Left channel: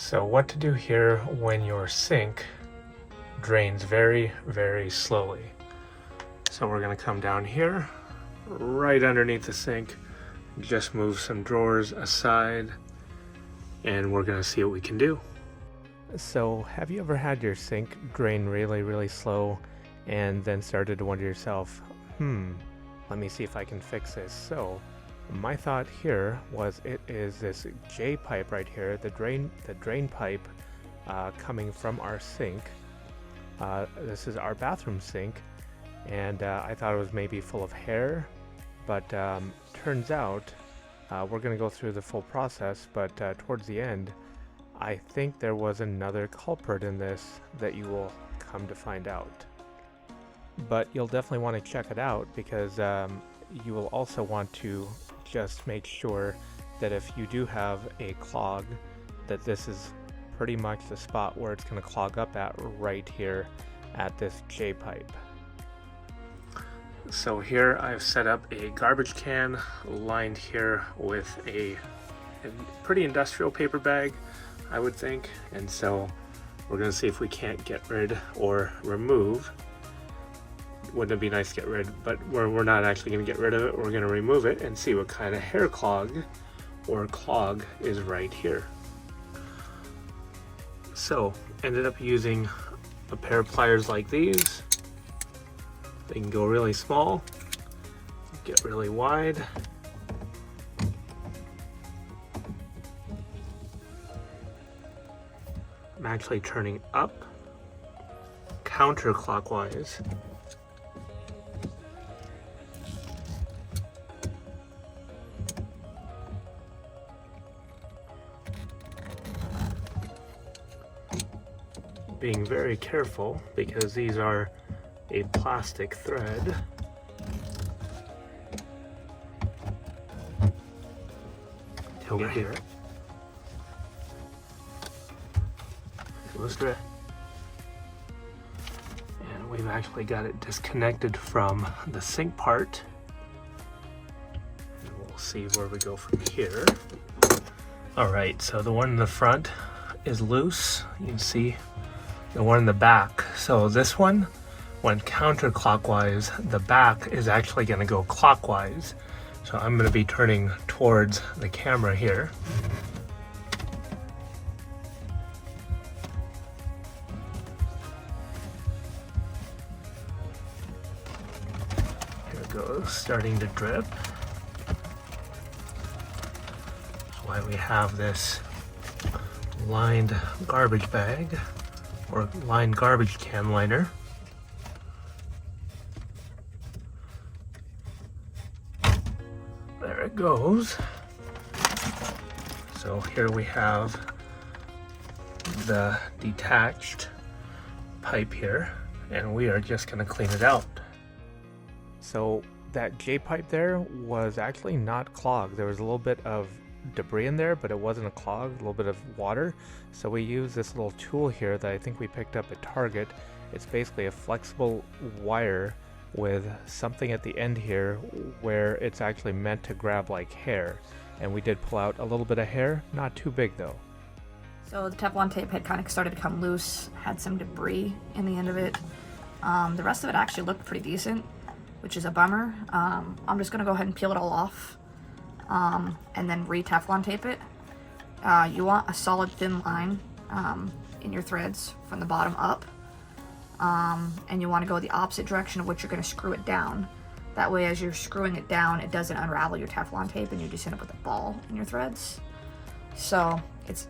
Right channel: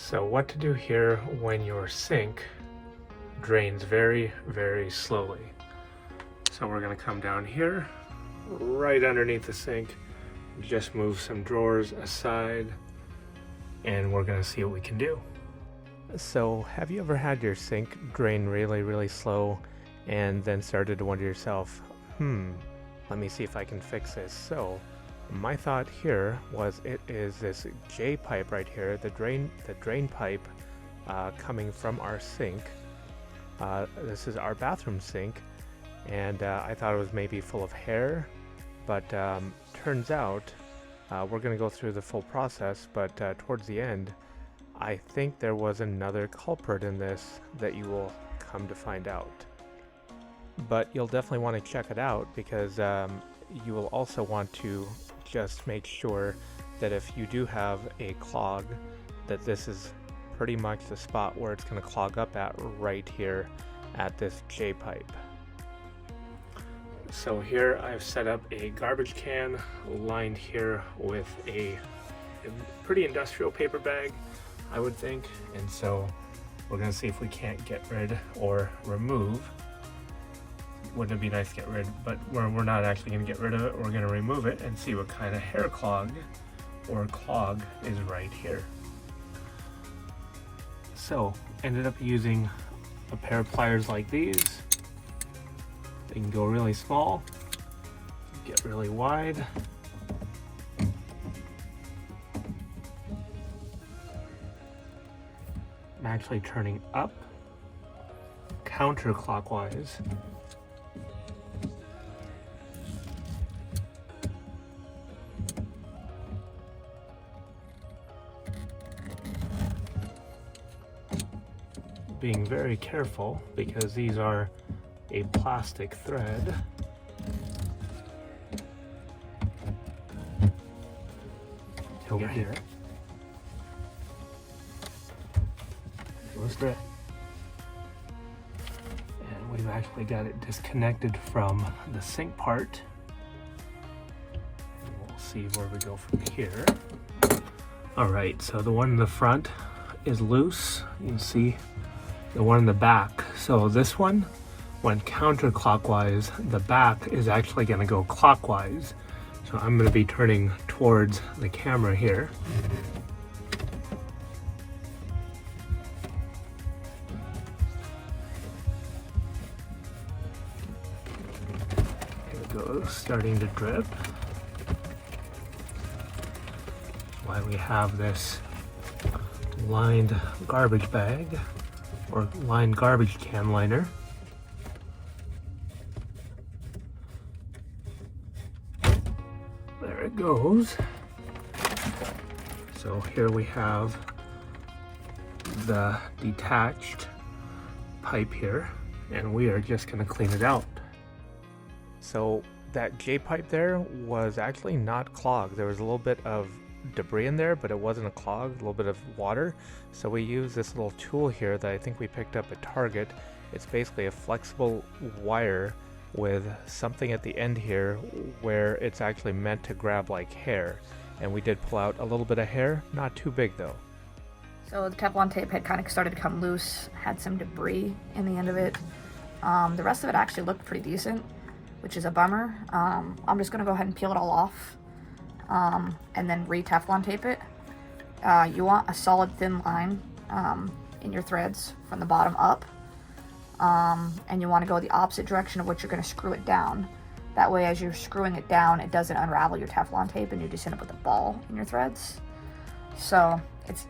So what to do here when your sink drains very, very slowly. So we're gonna come down here, right underneath the sink, just move some drawers aside, and we're gonna see what we can do. So have you ever had your sink drain really, really slow and then started to wonder to yourself, let me see if I can fix this? So my thought here was it is this J pipe right here, the drain pipe coming from our sink. This is our bathroom sink, and I thought it was maybe full of hair, but turns out we're going to go through the full process, but towards the end I think there was another culprit in this that you will come to find out. But you'll definitely want to check it out, because you will also want to just make sure that if you do have a clog, that this is pretty much the spot where it's going to clog up at, right here at this J pipe. So here I've set up a garbage can lined here with a pretty industrial paper bag, I would think, and so we're going to see if we can't get rid or remove. Wouldn't it be nice to get rid, but we're not actually going to get rid of it. We're going to remove it and see what kind of hair clog or clog is right here. So ended up using a pair of pliers like these. They can go really small, get really wide. I'm actually turning up counterclockwise. Being very careful because these are a plastic thread. Over here. Close thread. And we've actually got it disconnected from the sink part. And we'll see where we go from here. Alright, so the one in the front is loose. You can see the one in the back. So this one went counterclockwise. The back is actually going to go clockwise. So I'm going to be turning towards the camera here. There it goes, starting to drip. That's why we have this lined garbage bag, or lined garbage can liner. There it goes. So here we have the detached pipe here, and we are just going to clean it out. So that J pipe there was actually not clogged. There was a little bit of debris in there, but it wasn't a clog, a little bit of water. So we use this little tool here that I think we picked up at Target. It's basically a flexible wire with something at the end here where it's actually meant to grab like hair, and we did pull out a little bit of hair, not too big though. So the Teflon tape had kind of started to come loose, had some debris in the end of it. The rest of it actually looked pretty decent, which is a bummer. I'm just gonna go ahead and peel it all off, and then re-Teflon tape it. You want a solid thin line in your threads from the bottom up, and you want to go the opposite direction of which you're going to screw it down. That way, as you're screwing it down, it doesn't unravel your Teflon tape and you just end up with a ball in your threads. So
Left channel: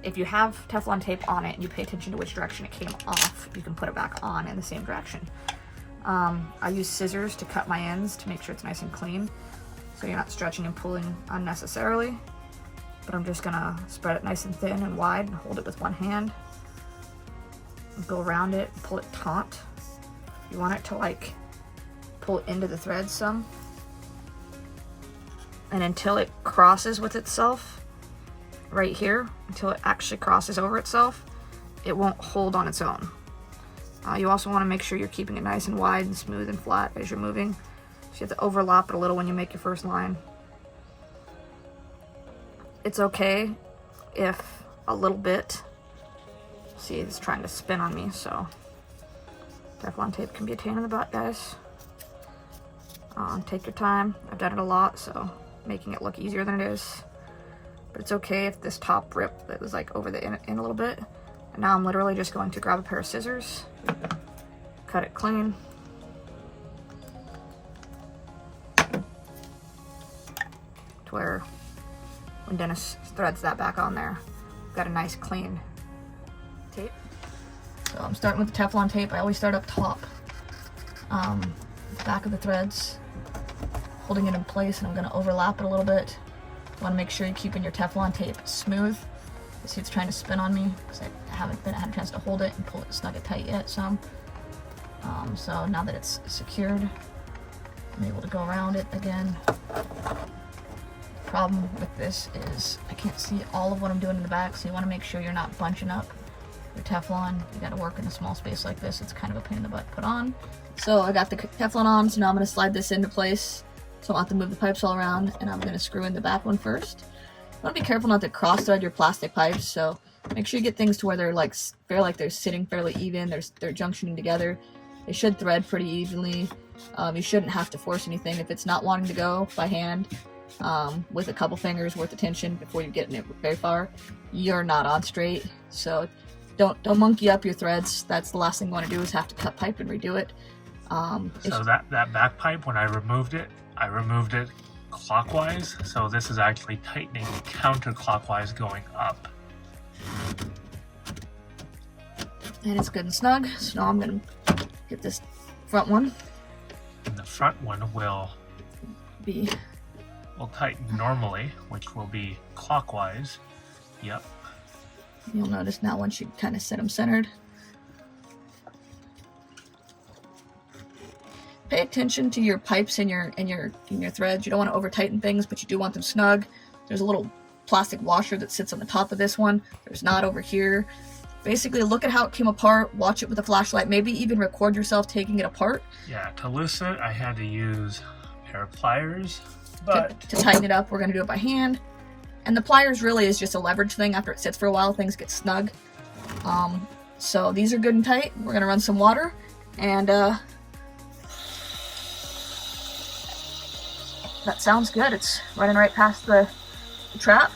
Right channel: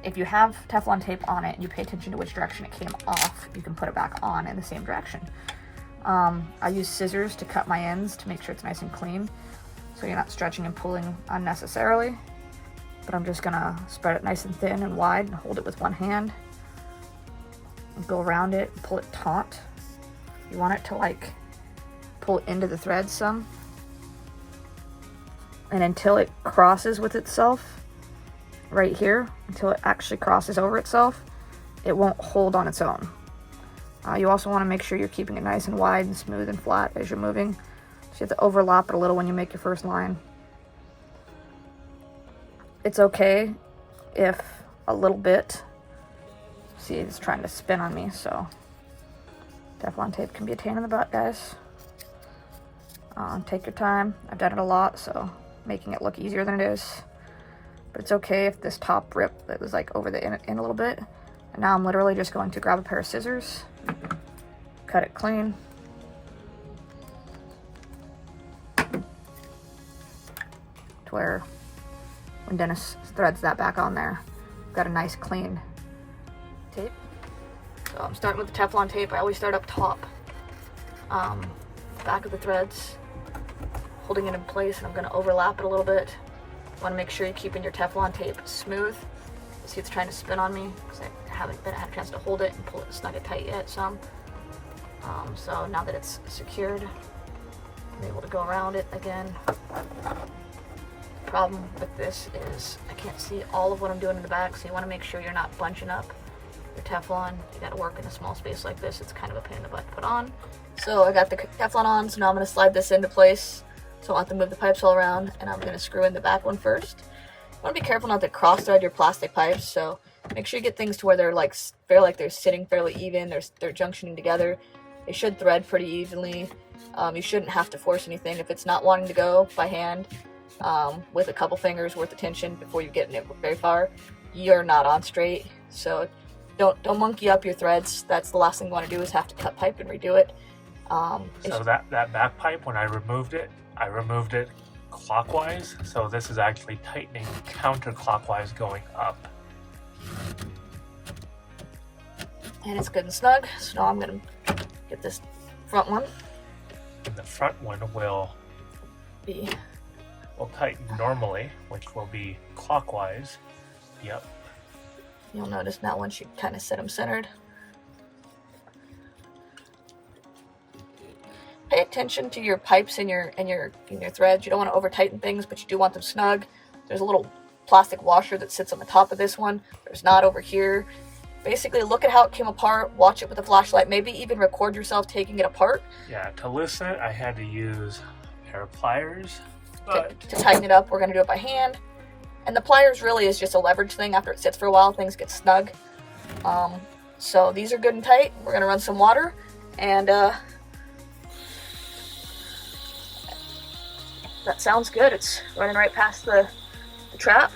if you have Teflon tape on it and you pay attention to which direction it came off, you can put it back on in the same direction. I use scissors to cut my ends to make sure it's nice and clean, so you're not stretching and pulling unnecessarily. But I'm just gonna spread it nice and thin and wide and hold it with one hand. And go around it and pull it taut. You want it to like pull into the thread some. And until it crosses with itself, right here, until it actually crosses over itself, it won't hold on its own. You also want to make sure you're keeping it nice and wide and smooth and flat as you're moving. So you have to overlap it a little when you make your first line. It's okay if a little bit See, it's trying to spin on me, so Teflon tape can be a pain in the butt, guys. Take your time. I've done it a lot, so making it look easier than it is. But it's okay if this top rip that was like over the in a little bit. And now I'm literally just going to grab a pair of scissors, cut it clean. To where when Dennis threads that back on there, got a nice clean tape. So I'm starting with the Teflon tape. I always start up top, back of the threads, holding it in place, and I'm gonna overlap it a little bit. Want to make sure you're keeping your Teflon tape smooth. You see it's trying to spin on me because I haven't had a chance to hold it and pull it snug it tight yet some. So now that it's secured, I'm able to go around it again. The problem with this is I can't see all of what I'm doing in the back, so you want to make sure you're not bunching up your Teflon. You got to work in a small space like this. It's kind of a pain in the butt to put on. So I got the Teflon on, so now I'm going to slide this into place. So I'll have to move the pipes all around, and I'm going to screw in the back one first. You want to be careful not to cross thread your plastic pipes, so make sure you get things to where they're like they're sitting fairly even, they're junctioning together. They should thread pretty evenly. You shouldn't have to force anything. If it's not wanting to go by hand, with a couple fingers worth of tension before you get it very far, you're not on straight. So don't monkey up your threads. That's the last thing you want to do is have to cut pipe and redo it. So that back pipe, when I removed it clockwise, so this is actually tightening counterclockwise going up. And it's good and snug, so now I'm going to get this front one. And the front one will tighten normally, which will be clockwise. Yep. You'll notice now once you kind of set them centered. Pay attention to your pipes and your threads. You don't want to over tighten things, but you do want them snug. There's a little plastic washer that sits on the top of this one. There's not over here. Basically, look at how it came apart. Watch it with a flashlight. Maybe even record yourself taking it apart. Yeah, to loosen it, I had to use a pair of pliers. But to tighten it up, we're going to do it by hand. And the pliers really is just a leverage thing. After it sits for a while, things get snug. So these are good and tight. We're going to run some water, and that sounds good. It's running right past the trap.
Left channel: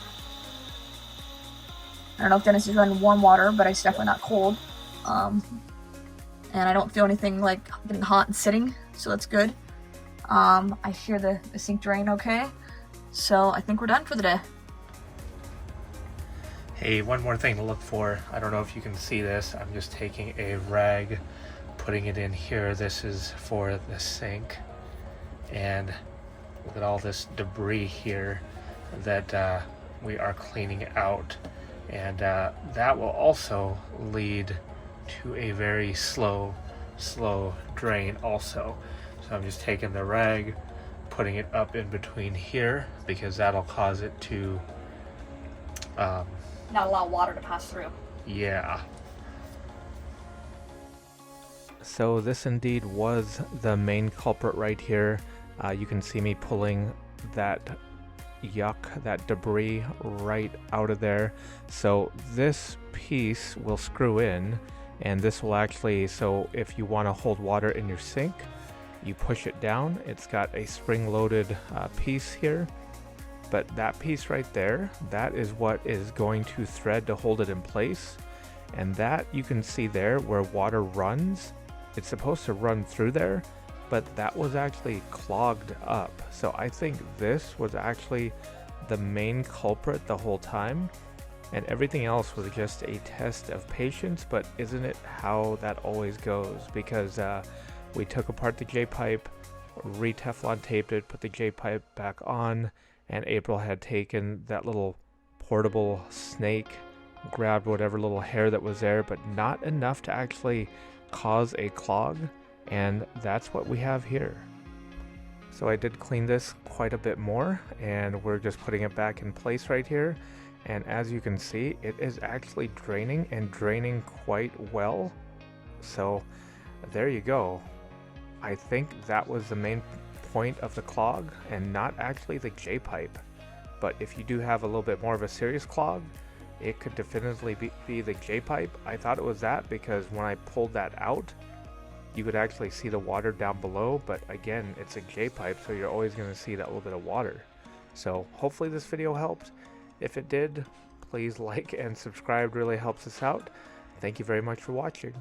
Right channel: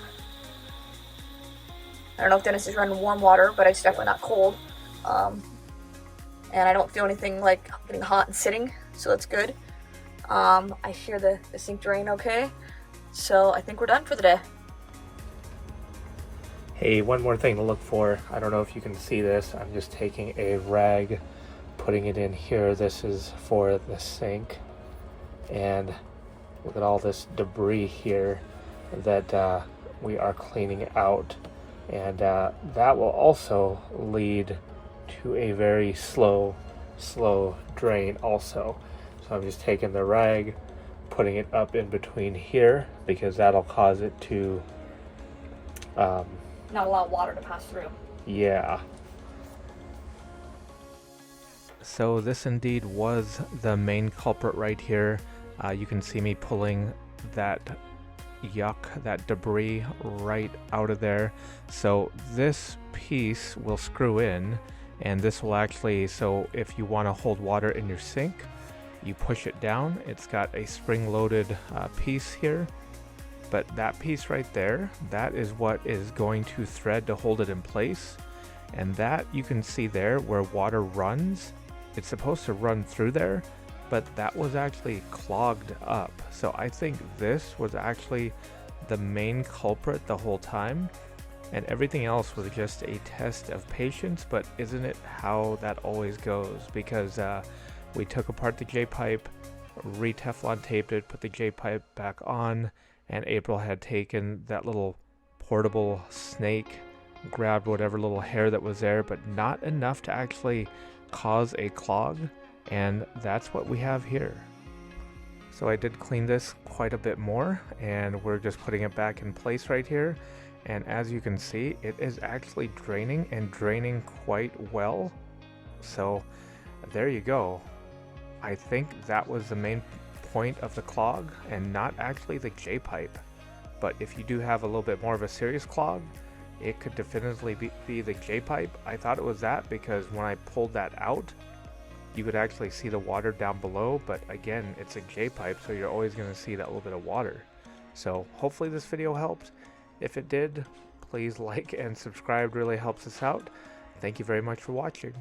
I don't know if Dennis is running warm water, but it's definitely not cold. And I don't feel anything like getting hot and sitting, so that's good. I hear the sink drain okay. So I think we're done for the day. Hey, one more thing to look for. I don't know if you can see this. I'm just taking a rag, putting it in here. This is for the sink. And look at all this debris here that we are cleaning out. And that will also lead to a very slow drain also. So I'm just taking the rag, putting it up in between here, because that'll cause it to not allow water to pass through. Yeah. So this indeed was the main culprit right here. You can see me pulling that that debris right out of there. So this piece will screw in, and this will actually, so if you want to hold water in your sink, you push it down. It's got a spring-loaded piece here, but that piece right there, that is what is going to thread to hold it in place. And that you can see there where water runs, it's supposed to run through there, but that was actually clogged up. So I think this was actually the main culprit the whole time, and everything else was just a test of patience. But isn't it how that always goes? Because we took apart the J-pipe, re-Teflon taped it, put the J-pipe back on, and April had taken that little portable snake, grabbed whatever little hair that was there, but not enough to actually cause a clog, and that's what we have here. So I did clean this quite a bit more, and we're just putting it back in place right here. And as you can see, it is actually draining, and draining quite well. So there you go. I think that was the main point of the clog, and not actually the J-pipe. But if you do have a little bit more of a serious clog, it could definitively be the J-pipe. I thought it was that because when I pulled that out, you could actually see the water down below, but again, it's a J-pipe, so you're always going to see that little bit of water. So hopefully this video helped. If it did, please like and subscribe, really helps us out. Thank you very much for watching.